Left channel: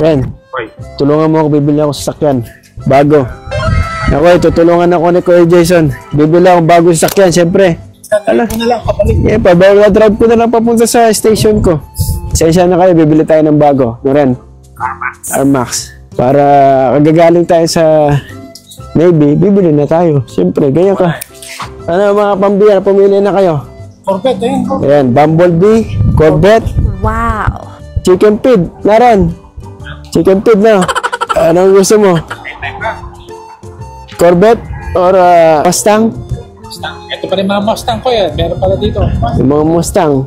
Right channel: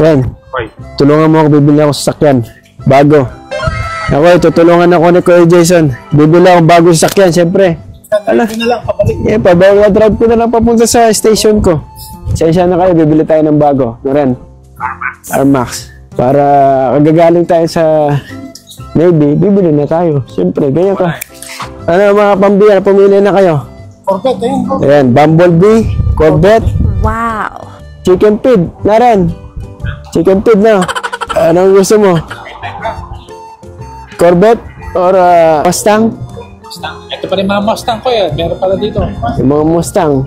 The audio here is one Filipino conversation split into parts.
Ren, tulungan mo ako, bibili ako sa sakyan. Bago. Ako, tutulungan ako ni Kuya Jason. Bibili ako bagong sasakyan, siyempre. Ala, drive ko na lang papunta sa station ko. Sensya na kayo, bibili tayo ng bago. No, Ren? Armax. Para kagagaling tayo sa Navy, bibili na tayo. Siyempre, ganyan ka. Ano mga pambira, pumili na kayo. Corvette, Ayan, Bumblebee, Corvette. Wow. Chicken feed, na Ren. Chicken feed na. Anong gusto mo? Corvette or Mustang? Mustang. Ito pa rin mga Mustang ko yan. Meron pala dito. Yung mga Mustang.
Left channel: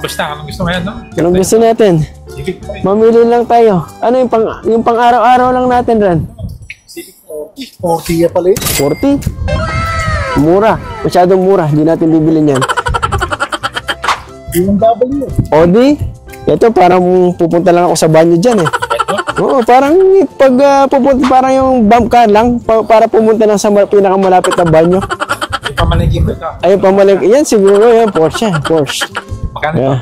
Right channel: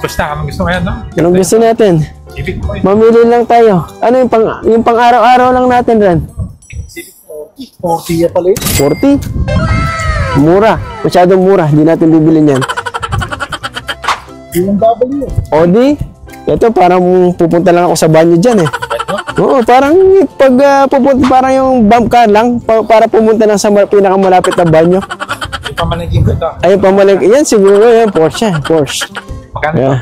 Mustang, anong gusto mo yan, no? Anong gusto natin? Civic po yan. Mamili lang tayo. Ano yung pang araw-araw lang natin, Ren? Civic 40 yan pala yun. 40? Mura. Masyadong mura. Hindi natin bibili niyan. BMW. Audi? Ito, parang pupunta lang ako sa banyo dyan eh. Oo, parang pag pupunta, parang yung bump car lang para pumunta lang sa pinakamalapit na banyo. Yung pamalagin ko ito. Ay, pamalagin. Yan siguro yan, Porsche. Magkano ito?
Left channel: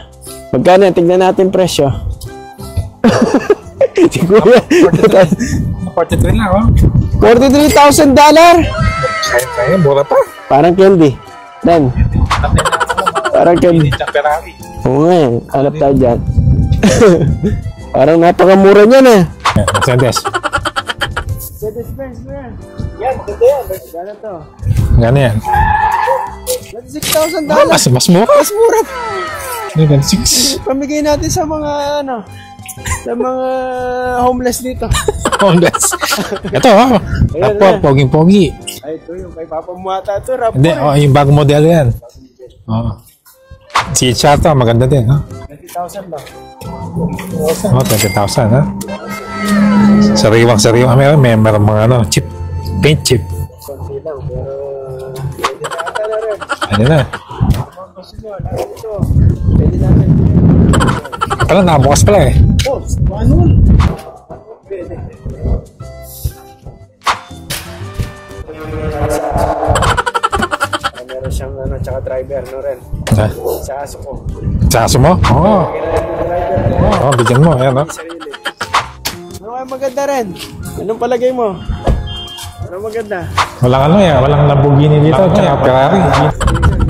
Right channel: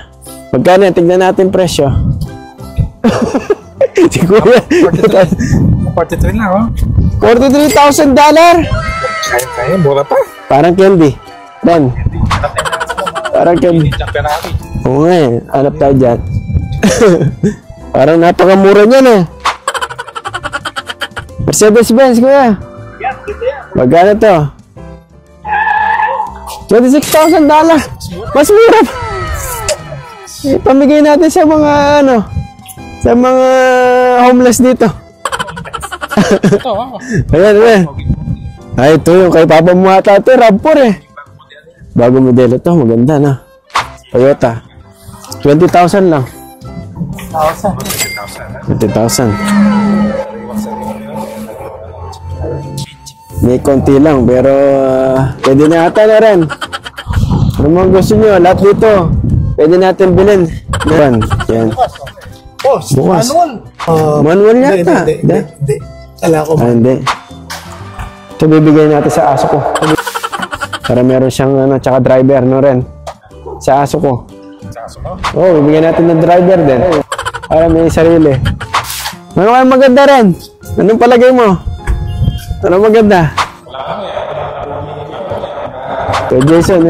Magkano yan? Tignan natin presyo. Siguro yan. 43 lang, oh. $43,000? Kaya, mura pa. Parang candy. Dan. Parang candy. Ferrari. Oo nga eh. Hanap tayo dyan. Parang napakamura niyan eh. Mercedes-Benz, kuya. Magkano to? Magkano yan? $26,000. Mas mura. Mas mura. 26. Pamigay natin sa mga sa mga homeless dito. Homeless. Ito, oh. Ayan. Poging-pogi. Ay, ito yung kay Papa mo ata ito. Raptor eh. Yung bagong modelo yan. Bagong modelo to. Maganda na. Si Chata, maganda din, ha? 20,000 lang. 20,000, ha? 20,000. Sariwang. Meron mga chip. Paint chip. May konti lang, pero pwede na ata na rin. Ano na? Ano mga gusto nyo, lahat dito, pwede natin bilhin. Yan. Wala, nakabukas pala eh. Bukas. Manual yata. Hindi. Kala ko. Hindi. Ito bibigay natin sa aso ko. Para meron siyang tsaka driver, no rin? Sa aso ko. Sa aso mo? Oo, bibigyan natin ng driver din. Oo, bigyan mo. Para may sarili. Ano kaya maganda rin? Anong palagay mo? Anong maganda? Walang walang Lamborghini dito, tsaka Ferrari. Kaya Jason,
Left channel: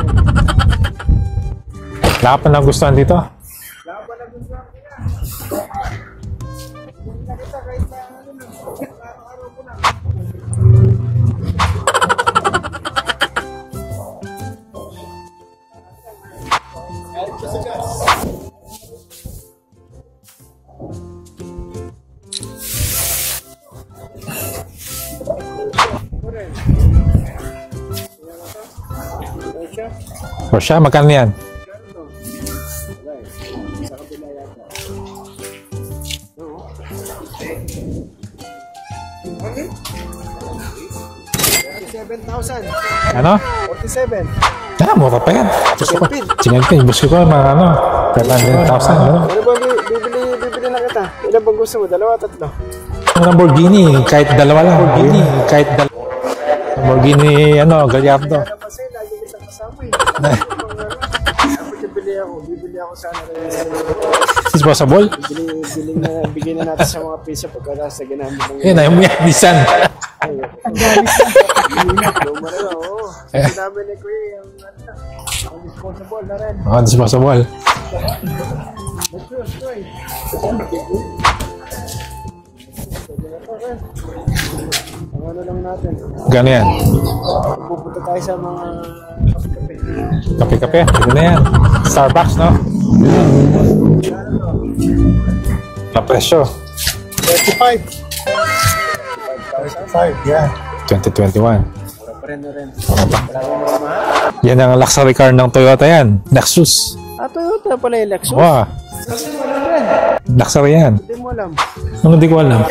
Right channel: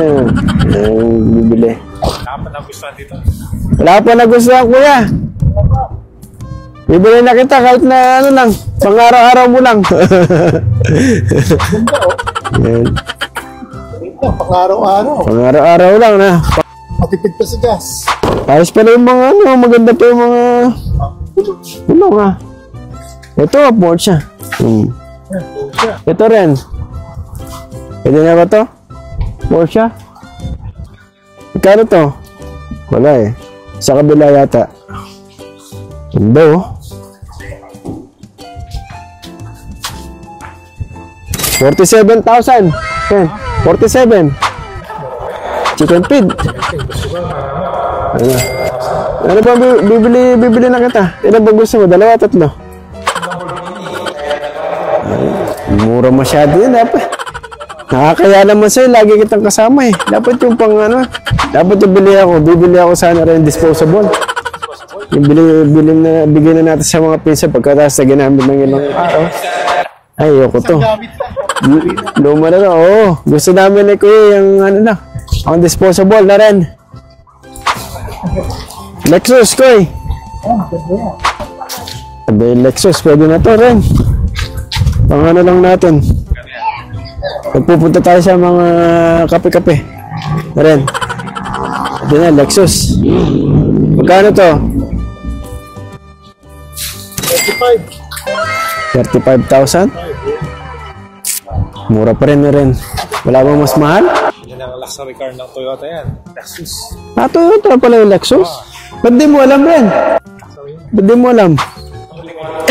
bibili. Wala pa nagustuhan dito? Wala pa nagustuhan, kuya. Bibili na kita kahit na lang, pang-araw-araw mo lang. Pang-araw-araw. Pang-araw-araw lang na. Matipid pa sa gas. Ayos pa rin yung mga maganda pa yung mga nga. Ito, Porsche. Ito rin. Pwede na ba to? Porsche? Porsche, magkano yan? Magkano to? Wala eh. Sa kabila yata. Ganda oh. 47,000. Ano? 47. Mura pa yan. Chicken feed. Gusto ko mga 1,000. Ano ba bibili na kita? Ilan ba gusto mo? Dalawa, tatlo? Lamborghini, kahit dalawa lang. Mura masyado yun. Lamborghini, Kaya naman sa'yo, lagi kitang kasama eh. Dapat yung dapat yung bibili ako sana rin disposable. Disposable? Yung bigyan na natin sa mga pinsa pagkatapos na ginamit ng Yun, yung Nissan. Ay, ayoko to. Luma na oo. Gusto namin ni Kuya yung ang disposable na rin. Disposable. Lexus, Kuya. Lexus, pwede na to rin. Pang lang natin. Gano'n yan? Nagpupunta tayo sa mga kape-kape. Kape-kape? Pwede na yan. Starbucks, no? Lexus. Magkano to? Presyo. 35,000? Yeah. 2021. Mura pa rin na rin. Wala bang mas mahal? Yan ang luxury car ng Toyota yan. Lexus. Toyota pala yung Lexus? Wow. Ba't di mo alam rin? Luxury yan. Ba't di mo alam? Hindi ko alam.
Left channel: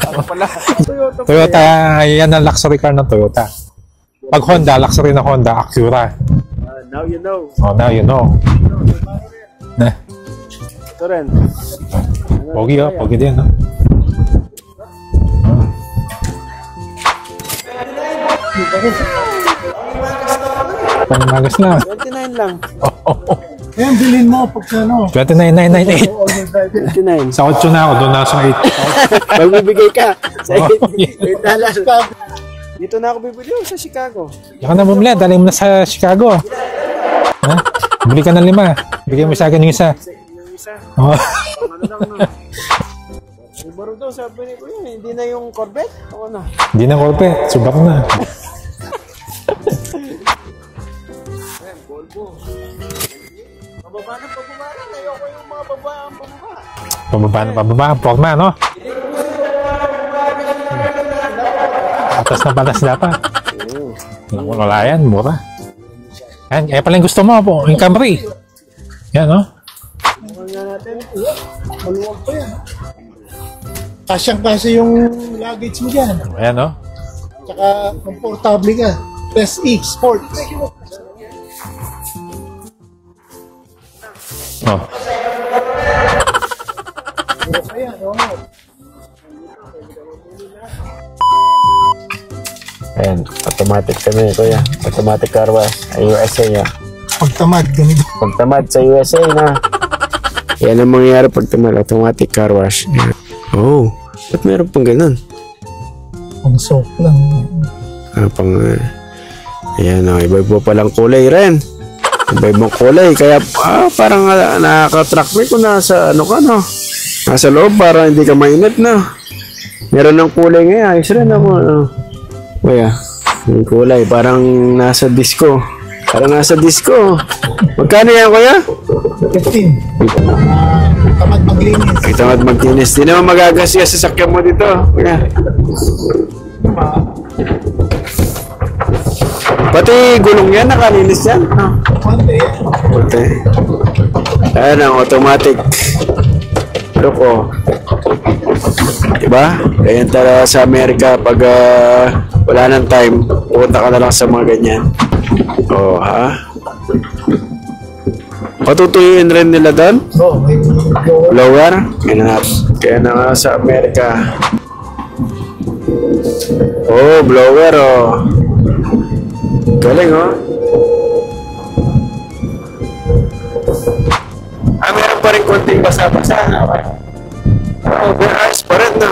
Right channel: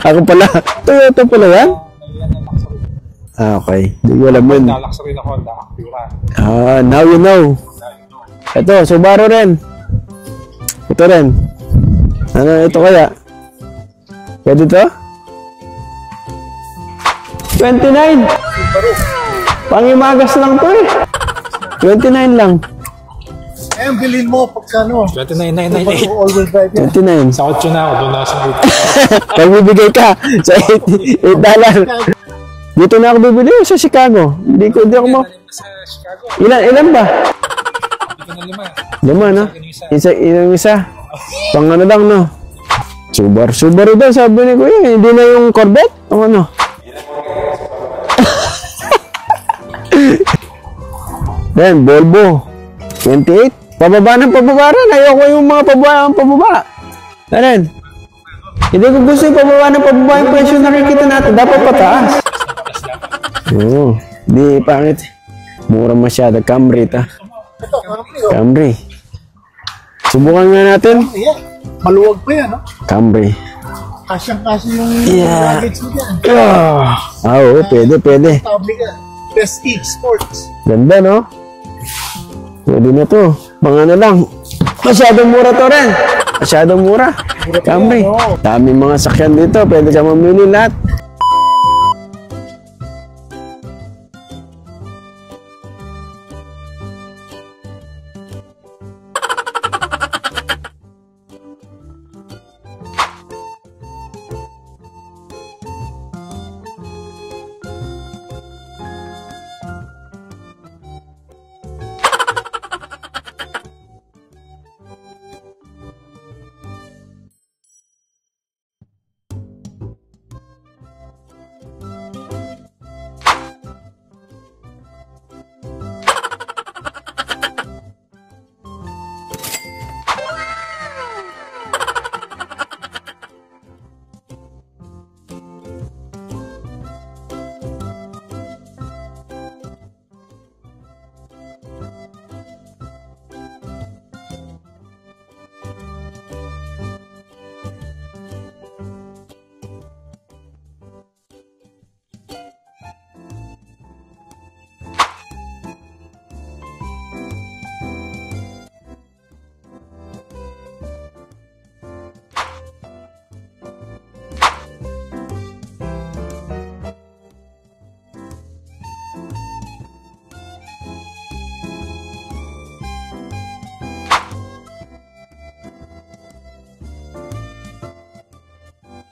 Ako pala. Toyota pala yan? Yan ang luxury car ng Toyota. Okay. Di ko alam. Pag Honda, luxury na Honda, Acura. Now you know. Oh, now you know. Ito, Subaru rin. Ito rin. Ito kaya? Pwede yan, no? Pwede to? 29. Pangimagas lang to eh. Pangimagas na. 29 lang. Eh, bilhin mo pagka ano. 29,998. All-wheel drive yan. 29. Sa 8 na ako, doon na ako sa 8. Magbibigay ka sa $8. Dito na ako bibili sa Chicago. Hindi Ano mo di ulit, ako- dali mo na sa Chicago. Ilan ba? Ha? Bili ka ng 5. Bigyan mo no? sa akin yung isa. Yung isa. Oh. Pang ano lang, no? Subaru daw, sabi ni Kuya. Hindi na yung Corvette? O ano? Hindi na kolpe, subak na. Then, Volvo. 28. Pababa rin. Ayoko yung mga pababa. Alin? Pababa, porma, no? Hindi ko gusto yung pababa yung presyo na nakikita natin. Dapat pataas. Patas dapat. Oo. Di Wala pa. yan, mura. Mura masyado. Kaya pala yung gusto mo po, yung Camry. Camry. Yan, no? Subukan nga natin. Ayan. Maluwag pa yan. Camry. Kasyang-kasya yung luggage mo dyan. Oo, pwede. Table ka. SE Sports. Ganda, no? Pwede na to. Mga ano lang. Masyadong mura to rin. Masyadong mura. Camry. Daming mga sakyan dito. Pwede ka mamili lahat. Ayan, automatic kami, Kuya. Automatic car wash. USA ya. Pagtamad, ganito. Pagtamad sa USA na. Yan ang mangyayari pag tamad. Automatic car wash. Oh, ba't meron pang ganun? Ang soap lang. Ayan o, iba-iba palang kulay rin. Iba-ibang kulay. Kaya parang nakaka-track me kung nasa ano ka, no? Nasa loob para hindi ka mainit, no? Meron ng kulay ngayon. Ayos rin ako, no? Kuya, yung kulay. Parang nasa disco. Magkano yan, Kuya? 15. Tamad maglinis. Tamad maglinis. Di naman magagasya sa sakyan mo dito. Kuya. Pati gulong yan, nakalinis yan. Pwede. Puti. Ayan ang automatic. Look, oh. Diba? Ganyan talaga sa Amerika pag wala ng time, pupunta ka na lang sa mga ganyan. Oh, ha? Patutuyuin rin nila doon? So, may blower. Blower? Kaya na nga sa Amerika. Oh, blower, oh. Galing, oh. Meron pa rin konting basa-basa. Oh, pero ayos pa rin, no?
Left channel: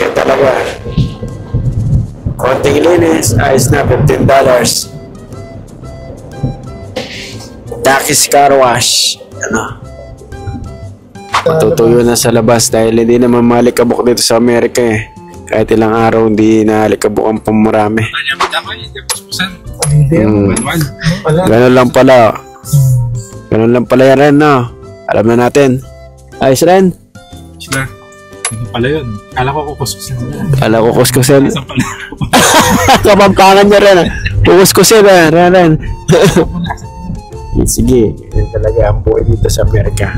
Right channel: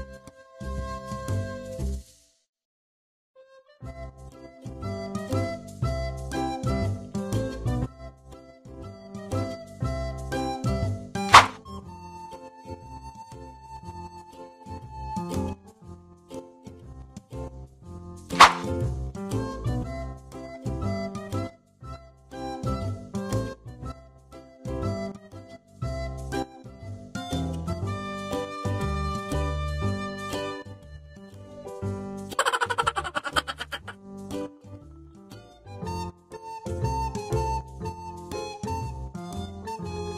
Kaya talaga. Konting linis, ayos na, $15. Takis car wash. Ano? Matutuyo na sa labas dahil hindi naman malikabok dito sa Amerika eh. Kahit ilang araw hindi nalikabok ang pamarami. Ganun lang pala. Ganun lang pala yan rin, no? Alam na natin. Ayos rin. Sila. Pala yun. Kala ko kukuskusin. Kala ko kuskusin. Kapampangan niya rin. Kukuskusin rin. Sige. Yan talaga ang buhay dito sa Amerika.